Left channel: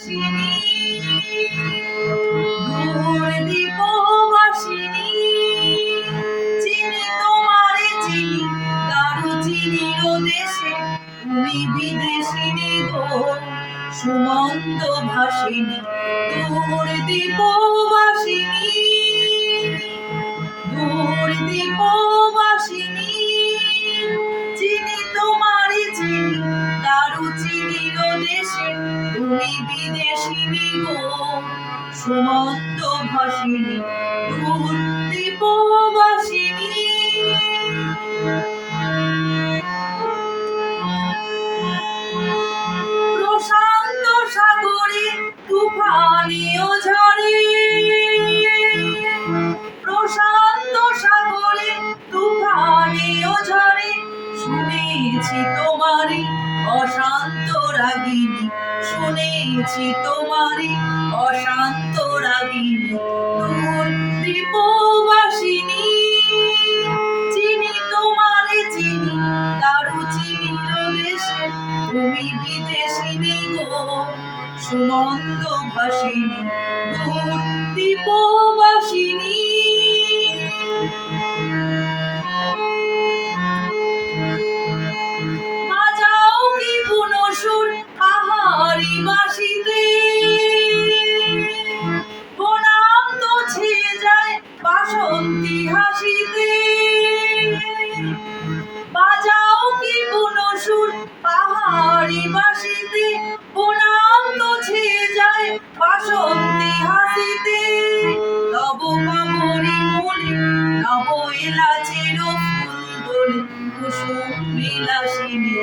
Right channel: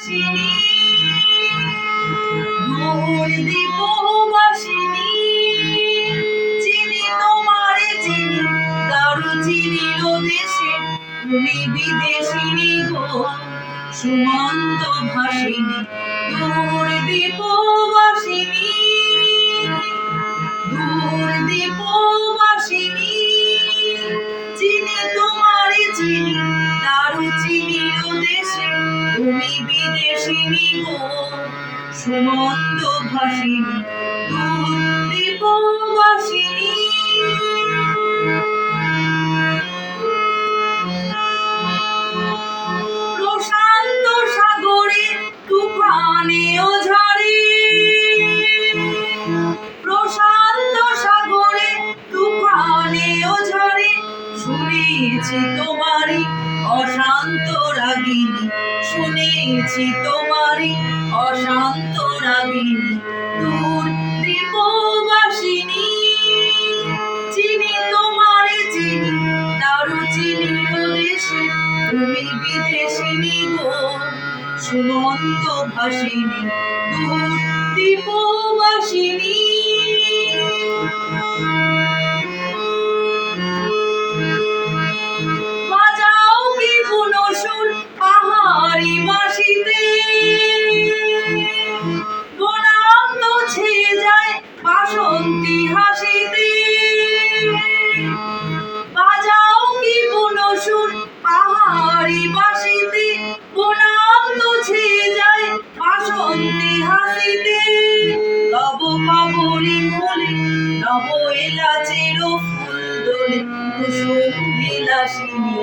চিনি দূর দীপবাসিনী চিনি তোমারে চিনি দারুচিনির দেশে তুমি বিদেশিনী গো সুমন্ত ভাসিনী দূর দীপবাসিনী দূর দীপবাসিনী চিনি তোমারে চিনি দারুচিনির দেশে তুমি বিদেশিনী গো সুমন্ত ভাসিনী দূর দীপবাসিনী প্রশান্ত সাগরে তুফানীয় ঝড়ে প্রশান্ত সাগরে তুফানীয় ঝড়ে শুনেছি তোমারই অশান্ত রাগিনী শুনেছি তোমারই অশান্ত রাগিনী দূর দীপবাসিনী চিনি তোমারে চিনি দারুচিনির দেশে তুমি বিদেশিনী গো সুমন্ত ভাসিনী দূর দীপবাসিনী বাজাও কি বুনো সুর পাহাড়ি বাঁশিতে বনাম তো ছেয়ে যায় বাসন্তী হাসিতে বাজাও কি বুনো সুর পাহাড়ি বাঁশিতে বনাম তো ছেয়ে যায় বাসন্তী হাসিতে তব কাবরি মূলে নব এলাচের ফুল দোলে কুসুম বিলাসিনী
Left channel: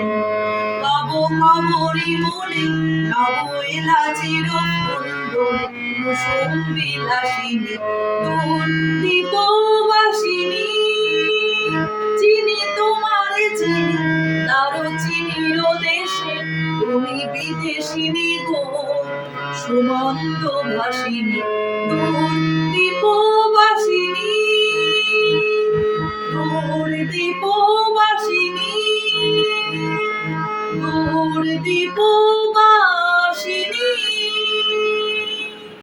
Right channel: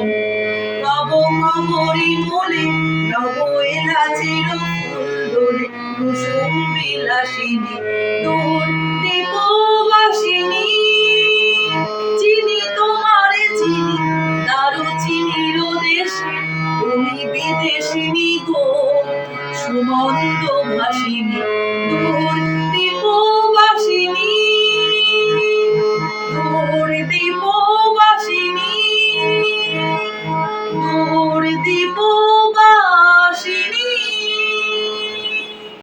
তব কাবরি মূলে নব এলাচের ফুল দোলে কুসুম বিলাসিনী দূর দীপবাসিনী চিনি তোমারে চিনি দারুচিনির দেশে তুমি বিদেশিনী গো সুমন্ত ভাসিনী দূর